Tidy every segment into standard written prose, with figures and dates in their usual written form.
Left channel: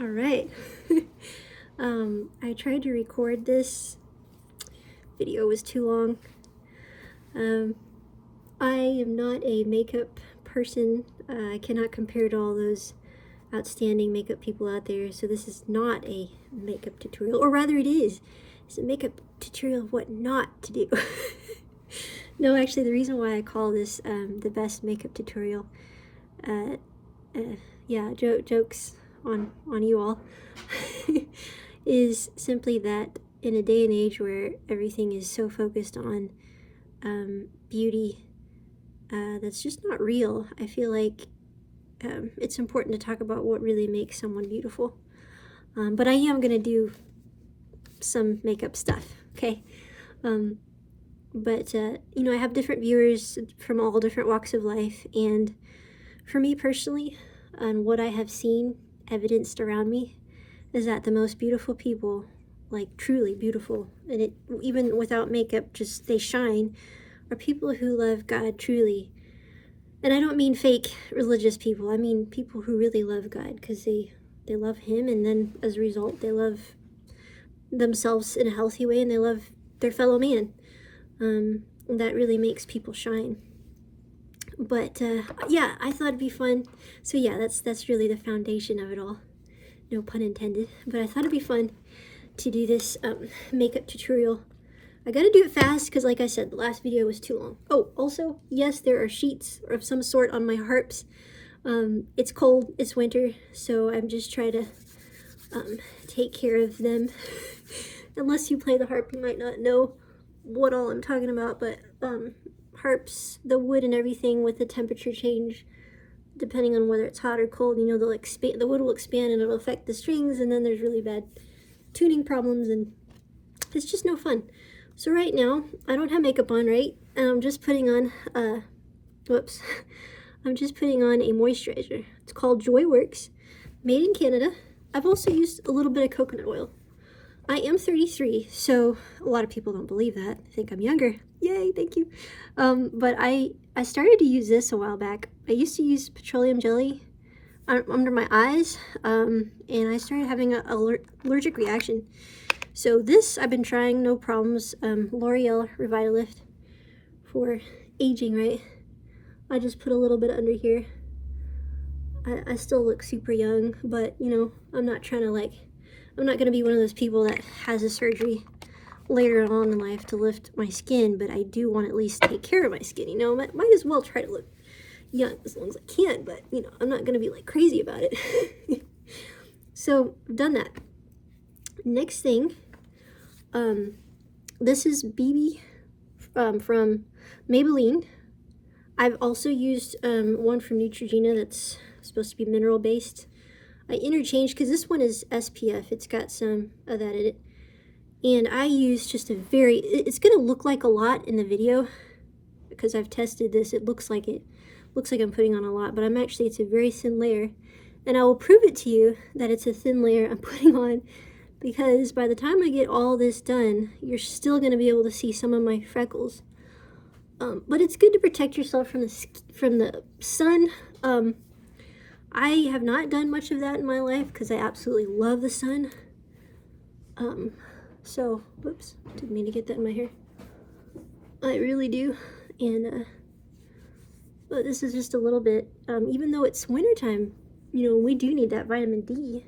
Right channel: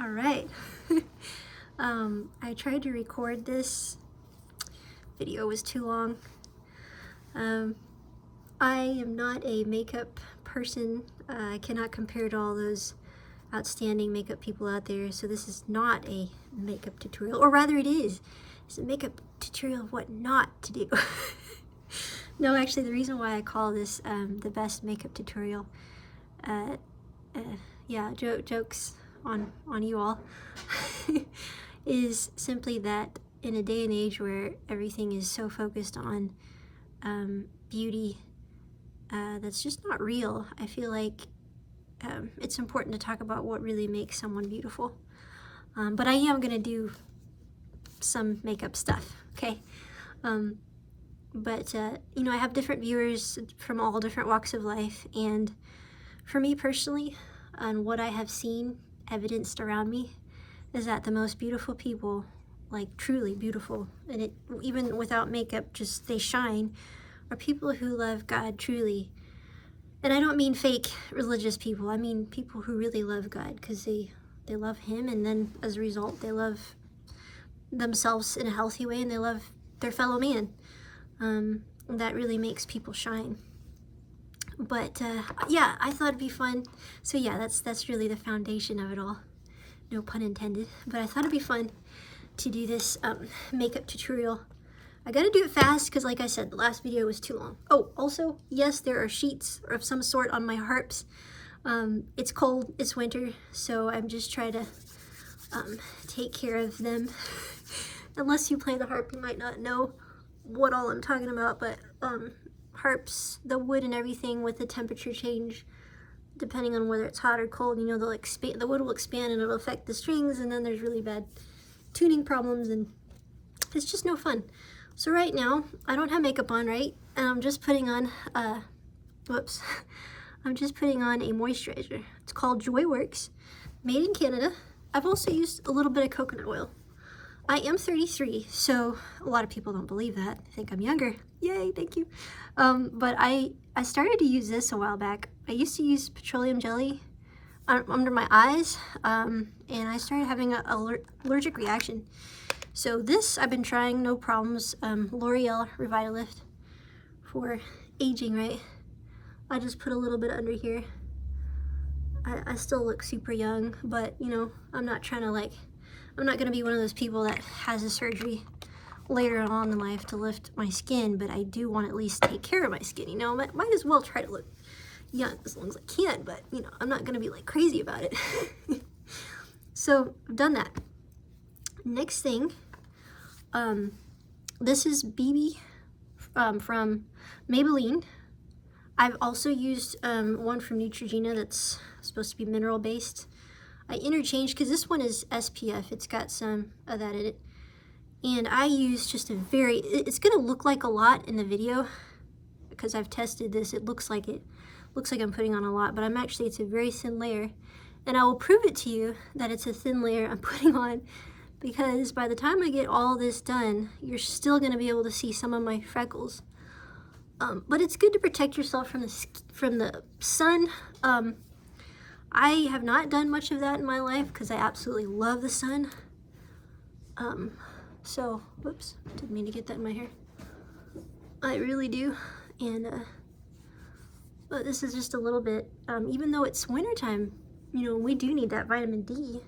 All right. I tried to record this video, was too long. I am not a makeup person. I cannot compare to all those outstanding makeup people out there, so this is not a makeup tutorial, or rather it is. It's a makeup tutorial of what not to do. No, actually, the reason why I call this the best makeup tutorial, yeah, jokes on you all, is simply that in a day and age where everything is so focused on beauty that's just not real, I feel like it's important to talk about what really makes someone beautiful. But I am going to do some makeup stuff, okay? But you know, I have different viewers from all different walks of life, and for me personally, and what I have seen evidenced around me, is that the most beautiful people, like truly beautiful, and it even without makeup, just they shine, are people who love God truly. And I don't mean fake religious people. I mean people who really love God, because they love Him, and then as a result, they love themselves in a healthy way, and they love their fellow man. That really makes people shine. But yeah, I thought it'd be fun. So yeah, that's really the foundation of it all. No pun intended. But I thought it'd be fun to do this makeup tutorial. I gotta do it fast because, like I said, the last video was too long. Oh, also, yes, there are sheets of some sort on my harps. It's cold, it's winter, so I'm just trying to take care of them. Unless you play the harp, you might not know what all I'm talking about, but harps, the wood and everything with the temperature change, depending on whether it's hot or cold, you know, they'll expand, the wood will expand and it'll affect the strings, and then there's really bad tuning problems, and it's just no fun. So right now, I don't have makeup on, right? And I'm just putting on, whoops. I'm just putting on a moisturizer. It's called Joyworks, made in Canada. I've also used a little bit of coconut oil. I am 33, so a lot of people don't believe that. They think I'm younger. Yay, thank you. But I started to use this a while back. I used to use petroleum jelly under my eyes, and I started having an allergic reaction. So this I've been trying, no problems. L'Oreal Revitalift for aging, right? I just put a little bit under here. I still look super young, but you know, I'm not trying to I'm not going to be one of those people that has a surgery later on in life to lift my skin, but I do want to at least take care of my skin, you know. Might as well try to look young as long as I can, but you know, I'm not going to be like crazy about it. So I've done that. Next thing, this is BB from Maybelline. I've also used one from Neutrogena that's supposed to be mineral based. I interchanged because this one is SPF. It's got some of that in it. And I use just a very, it's going to look like a lot in the video because I've tested this. It looks like I'm putting on a lot, but it's a very thin layer. And I will prove it to you that it's a thin layer I'm putting on, because by the time I get all this done, you're still going to be able to see some of my freckles. But it's good to protect yourself from the sun. I have not done much of that in my life because I absolutely love the sun. So, whoops, didn't mean to get that in my hair. I really do. And, but this is just a little bit, even though it's wintertime, you know, we do need that vitamin D.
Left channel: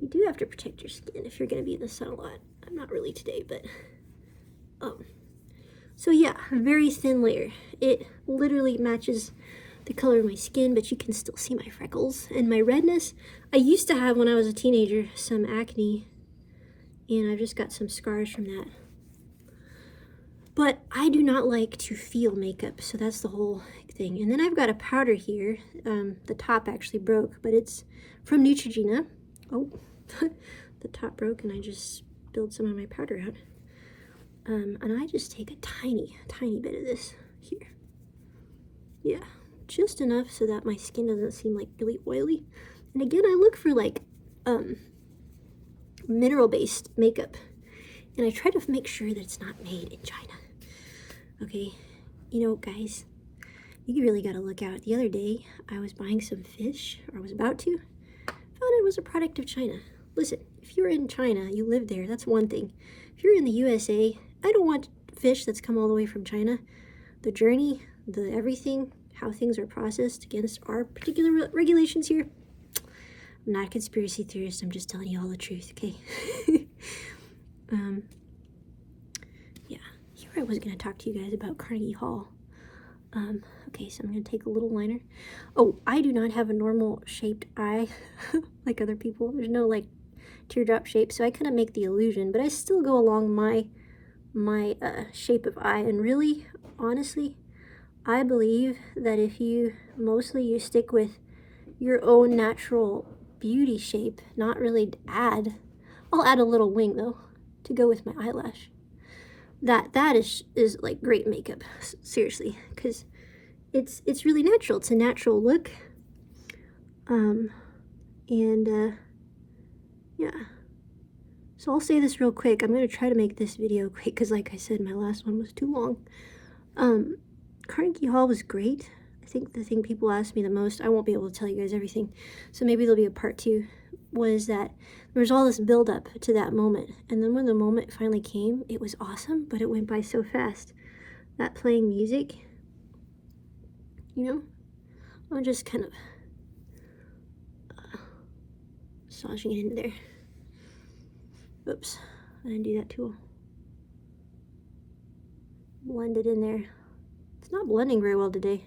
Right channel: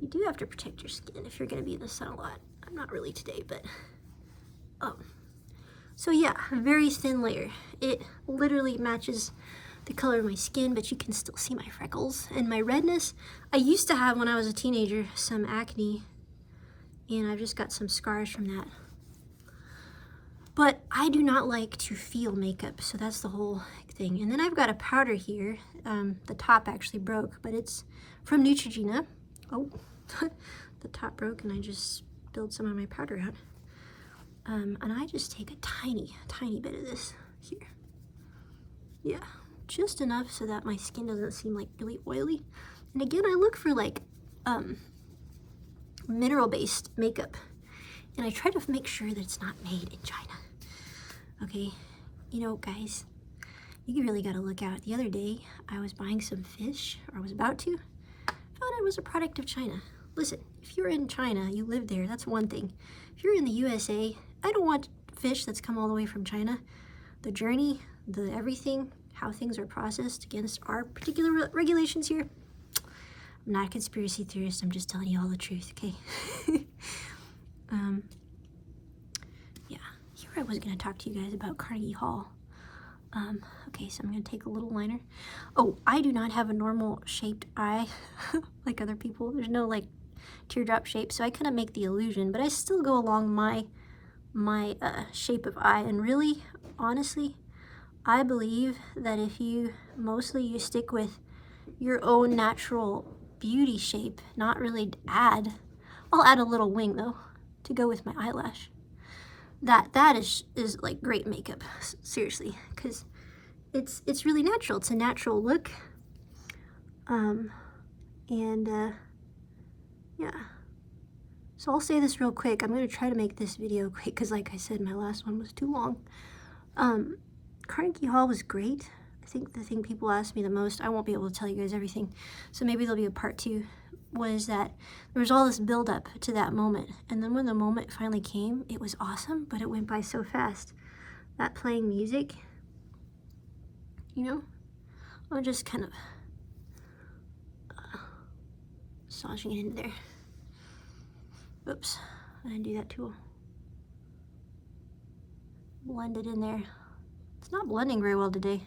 You do have to protect your skin if you're going to be in the sun a lot. I'm not really today, but, so yeah, a very thin layer. It literally matches the color of my skin, but you can still see my freckles and my redness. I used to have, when I was a teenager, some acne, and I've just got some scars from that. But I do not like to feel makeup, so that's the whole thing. And then I've got a powder here. The top actually broke, but it's from Neutrogena. Oh, the top broke, and I just spilled some of my powder out. And I just take a tiny bit of this here. Yeah, just enough so that my skin doesn't seem like really oily. And again, I look for like mineral-based makeup, and I try to make sure that it's not made in China. Okay, you know, guys, you really got to look out. The other day, I was buying some fish, or I was about to. thought it was a product of China. Listen, if you're in China, you live there, that's one thing. If you're in the USA, I don't want fish that's come all the way from China. The journey, the everything, how things are processed against our particular regulations here. I'm not a conspiracy theorist, I'm just telling you all the truth, okay? Yeah, here I was going to talk to you guys about Carnegie Hall. Okay, so I'm going to take a little liner. Oh, I do not have a normal shaped eye like other people. There's no like teardrop shape, so I kind of make the illusion, but I still go along my shape of eye. And really, honestly, I believe that if you stick with your own natural beauty shape, not really I'll add a little wing though to go with my eyelash. That is like great makeup, seriously, because it's really natural. It's a natural look. Yeah. So I'll say this real quick. I'm going to try to make this video quick because, like I said, my last one was too long. Carnegie Hall was great. I think the thing people ask me the most, I won't be able to tell you guys everything, so maybe there'll be a part 2, was that there was all this build up to that moment. And then when the moment finally came, it was awesome, but it went by so fast. That playing music, you know, I'm just kind of massaging it into there. Oops, I didn't do that too well. Blend it in there. It's not blending very well today.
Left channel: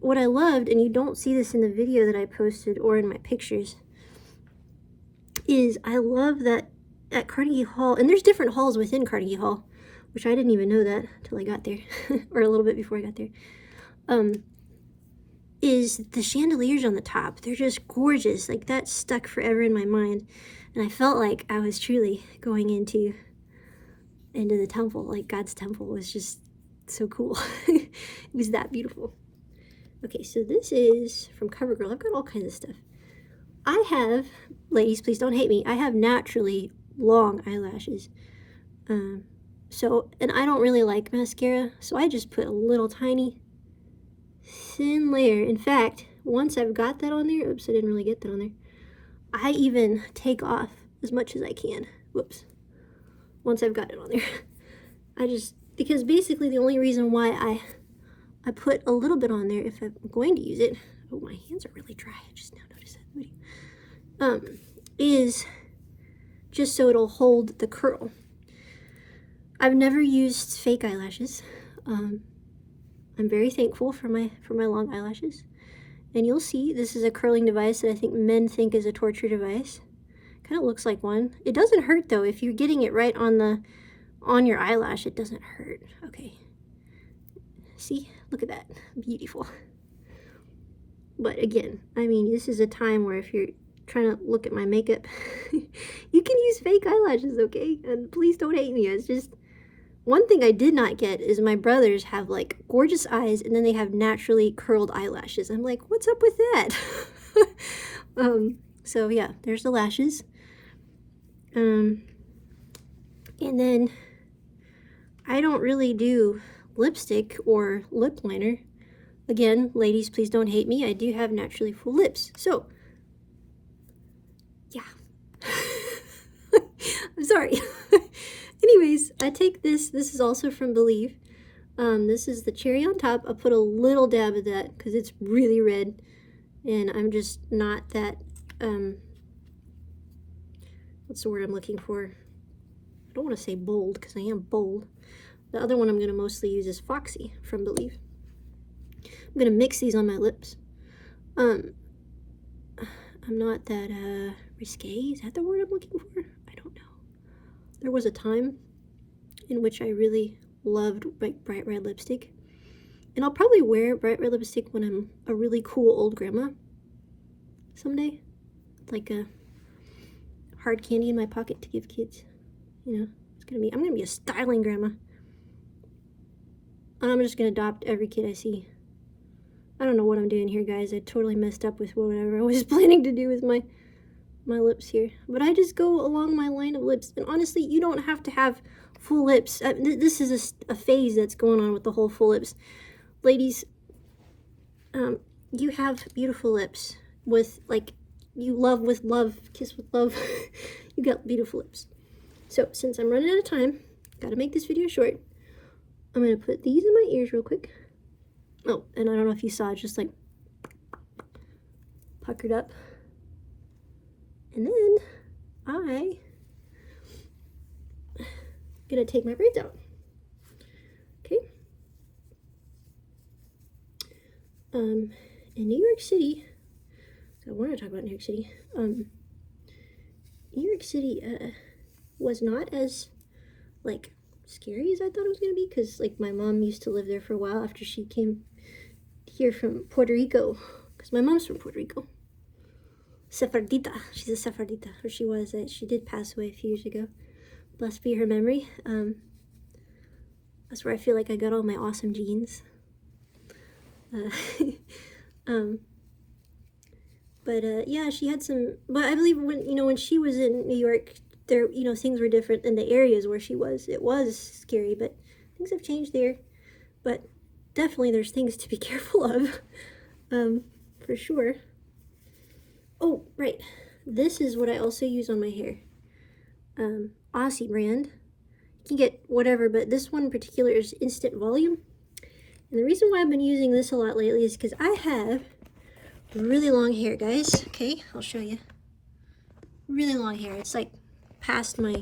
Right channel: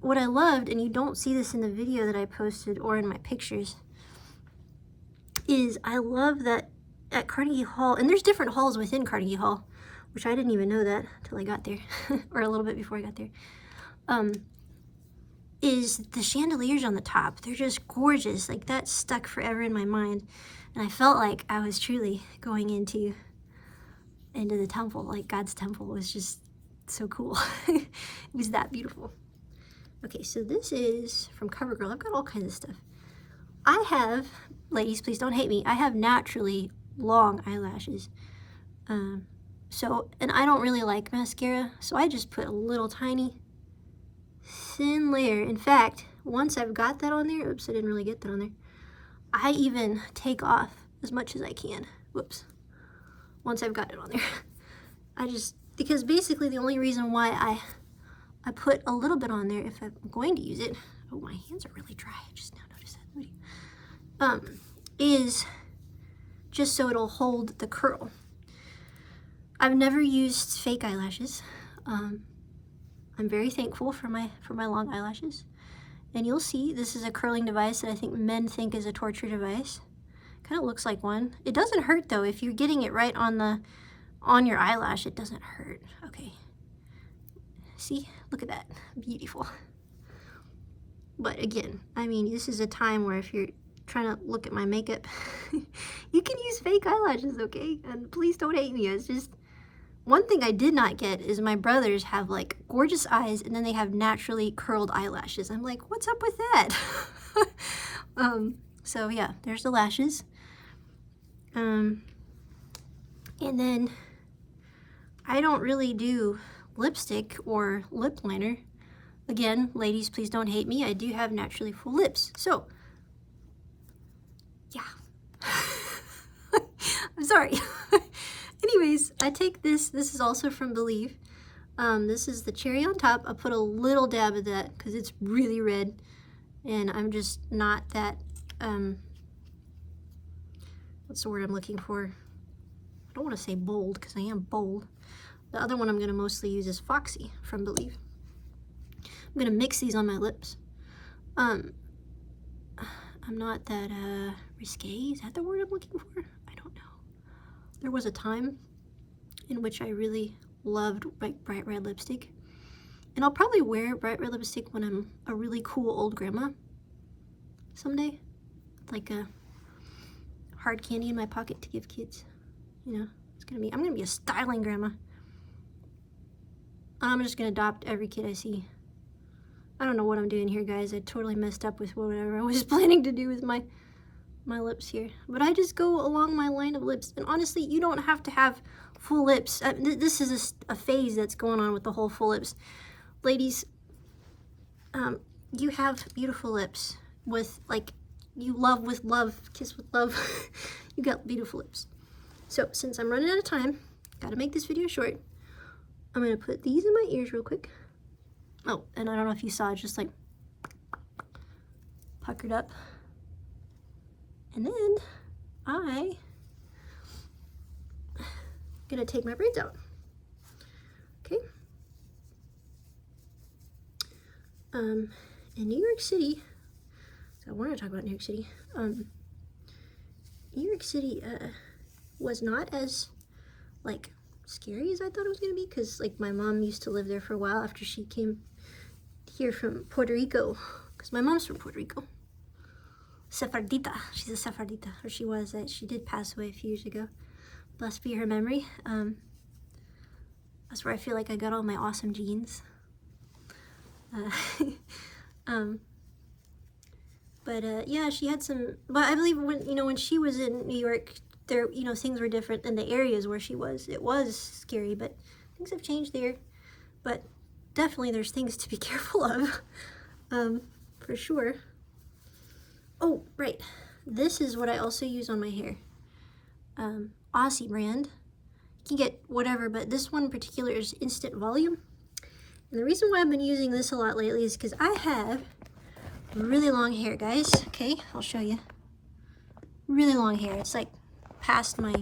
What I loved, and you don't see this in the video that I posted or in my pictures, is I love that at Carnegie Hall, and there's different halls within Carnegie Hall, which I didn't even know that until I got there, or a little bit before I got there, is the chandeliers on the top. They're just gorgeous. Like, that stuck forever in my mind, and I felt like I was truly going into the temple. Like, God's temple was just so cool. It was that beautiful. Okay, so this is from CoverGirl. I've got all kinds of stuff. I have, ladies, please don't hate me, I have naturally long eyelashes. And I don't really like mascara, so I just put a little tiny thin layer. In fact, once I've got that on there, oops, I didn't really get that on there, I even take off as much as I can. Whoops. Once I've got it on there. Because basically the only reason why I put a little bit on there if I'm going to use it, oh, my hands are really dry, I just now noticed that, is just so it'll hold the curl. I've never used fake eyelashes. I'm very thankful for my long eyelashes. And you'll see, this is a curling device that I think men think is a torture device. Kind of looks like one. It doesn't hurt though. If you're getting it right on your eyelash, it doesn't hurt. Okay. See? Look at that. Beautiful. But again, I mean, this is a time where if you're trying to look at my makeup, you can use fake eyelashes, okay? And please don't hate me. It's just, one thing I did not get is my brothers have like gorgeous eyes and then they have naturally curled eyelashes. I'm like, what's up with that? So yeah, there's the lashes. And then I don't really do lipstick or lip liner. Again, ladies, please don't hate me. I do have naturally full lips. So, yeah. I'm sorry. Anyways, I take this. This is also from Believe. This is the cherry on top. I put a little dab of that because it's really red. And I'm just not that, what's the word I'm looking for? I don't want to say bold because I am bold. The other one I'm going to mostly use is Foxy from Believe. I'm going to mix these on my lips. I'm not that risque. Is that the word I'm looking for? I don't know. There was a time in which I really loved bright red lipstick. And I'll probably wear bright red lipstick when I'm a really cool old grandma someday. Like a hard candy in my pocket to give kids. You know, I'm gonna be a styling grandma. I'm just gonna adopt every kid I see. I don't know what I'm doing here, guys. I totally messed up with whatever I was planning to do with my lips here. But I just go along my line of lips. And honestly, you don't have to have full lips. This is a phase that's going on with the whole full lips. Ladies, you have beautiful lips with, like, you love with love, kiss with love. You got beautiful lips. So since I'm running out of time, gotta make this video short. I'm gonna put these in my ears real quick. Oh, and I don't know if you saw, it just like puckered up. And then I'm gonna take my braids out. Okay. In New York City, so I want to talk about New York City. New York City was not as like scary as I thought it was gonna be, because like my mom used to live there for a while after she came here from Puerto Rico, because my mom's from Puerto Rico. Sefardita, she's a Sefardita, or she was. She did pass away a few years ago. Blessed be her memory. That's where I feel like I got all my awesome genes. Yeah, she had some. But I believe when she was in New York, there things were different in the areas where she was. It was scary, but things have changed there. But definitely, there's things to be careful of, for sure. Oh, right. This is what I also use on my hair. Aussie brand. You can get whatever, but this one in particular is Instant Volume. And the reason why I've been using this a lot lately is because I have really long hair, guys. Okay, I'll show you. Really long hair. It's like past my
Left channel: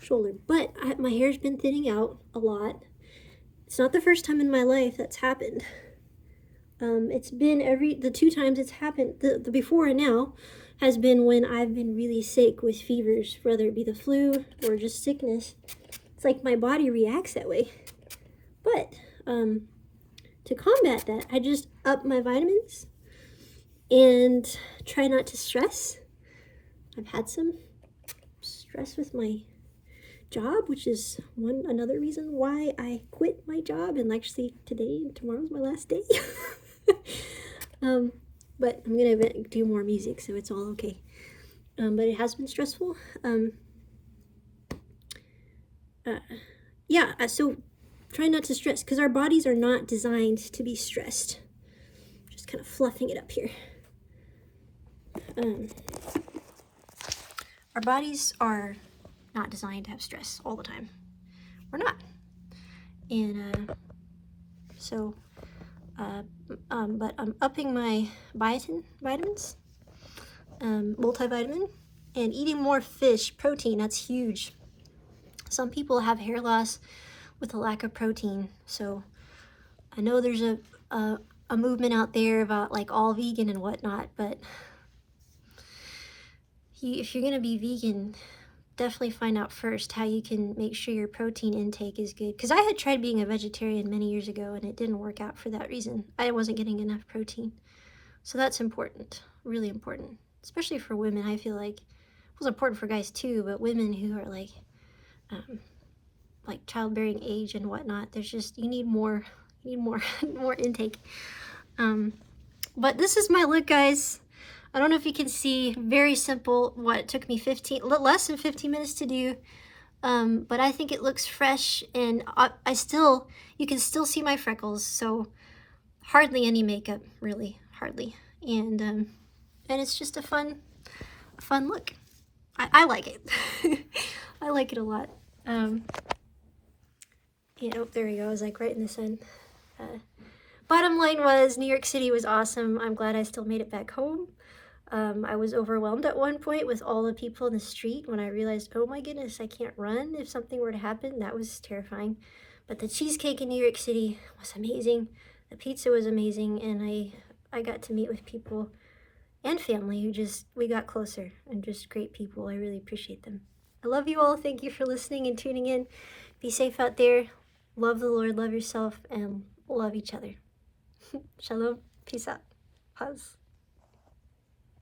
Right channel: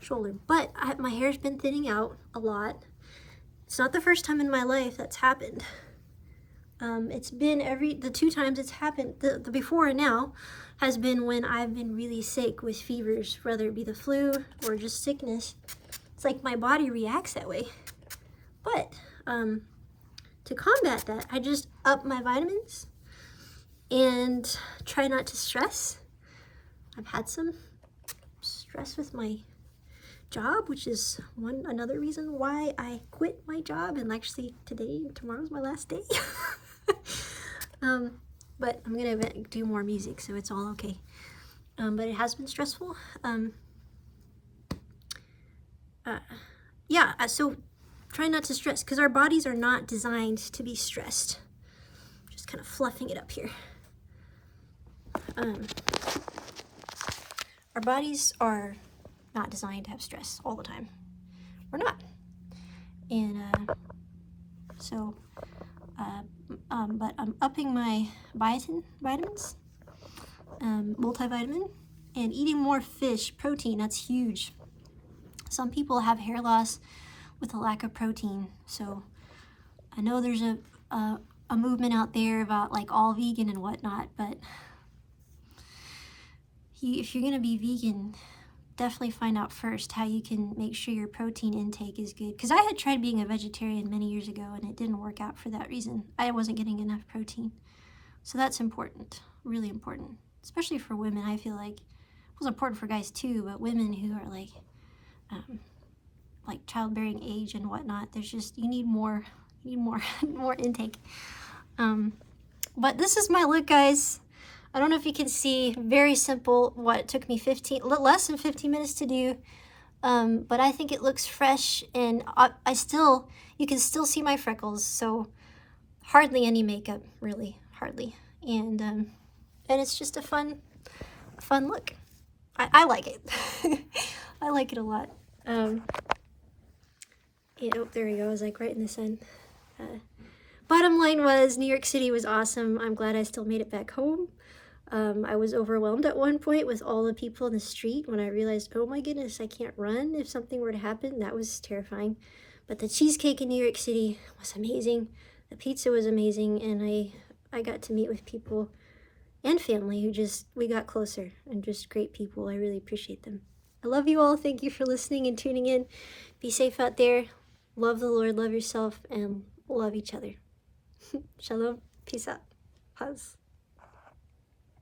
shoulder. But my hair's been thinning out a lot. It's not the first time in my life that's happened. It's been the 2 times it's happened, the before and now, has been when I've been really sick with fevers, whether it be the flu or just sickness. It's like my body reacts that way. But to combat that, I just up my vitamins and try not to stress. I've had some stress with my job, which is another reason why I quit my job, and actually today and tomorrow's my last day. But I'm gonna do more music, so it's all okay. But it has been stressful. So try not to stress, because our bodies are not designed to be stressed. Just kind of fluffing it up here. Our bodies are not designed to have stress all the time. We're not. And but I'm upping my vitamins, multivitamin, and eating more fish, protein. That's huge. Some people have hair loss with a lack of protein. So I know there's a movement out there about like all vegan and whatnot, but if you're gonna be vegan, definitely find out first how you can make sure your protein intake is good. Because I had tried being a vegetarian many years ago and it didn't work out for that reason. I wasn't getting enough protein. So that's important, really important. Especially for women, I feel like. It was important for guys too, but women who are like childbearing age and whatnot, there's just, you need more more intake. But this is my look, guys. I don't know if you can see, very simple. What, it took me less than 15 minutes to do. But I think it looks fresh, and you can still see my freckles, so hardly any makeup, really, hardly. And it's just a fun look. I like it. I like it a lot. Oh, there we go. I was like right in the sun. Bottom line was, New York City was awesome. I'm glad I still made it back home. I was overwhelmed at one point with all the people in the street when I realized, oh my goodness, I can't run if something were to happen. That was terrifying. But the cheesecake in New York City was amazing. The pizza was amazing, and I got to meet with people and family who we got closer, and just great people. I really appreciate them. I love you all. Thank you for listening and tuning in. Be safe out there. Love the Lord, love yourself, and love each other. Shalom. Peace out. Pause.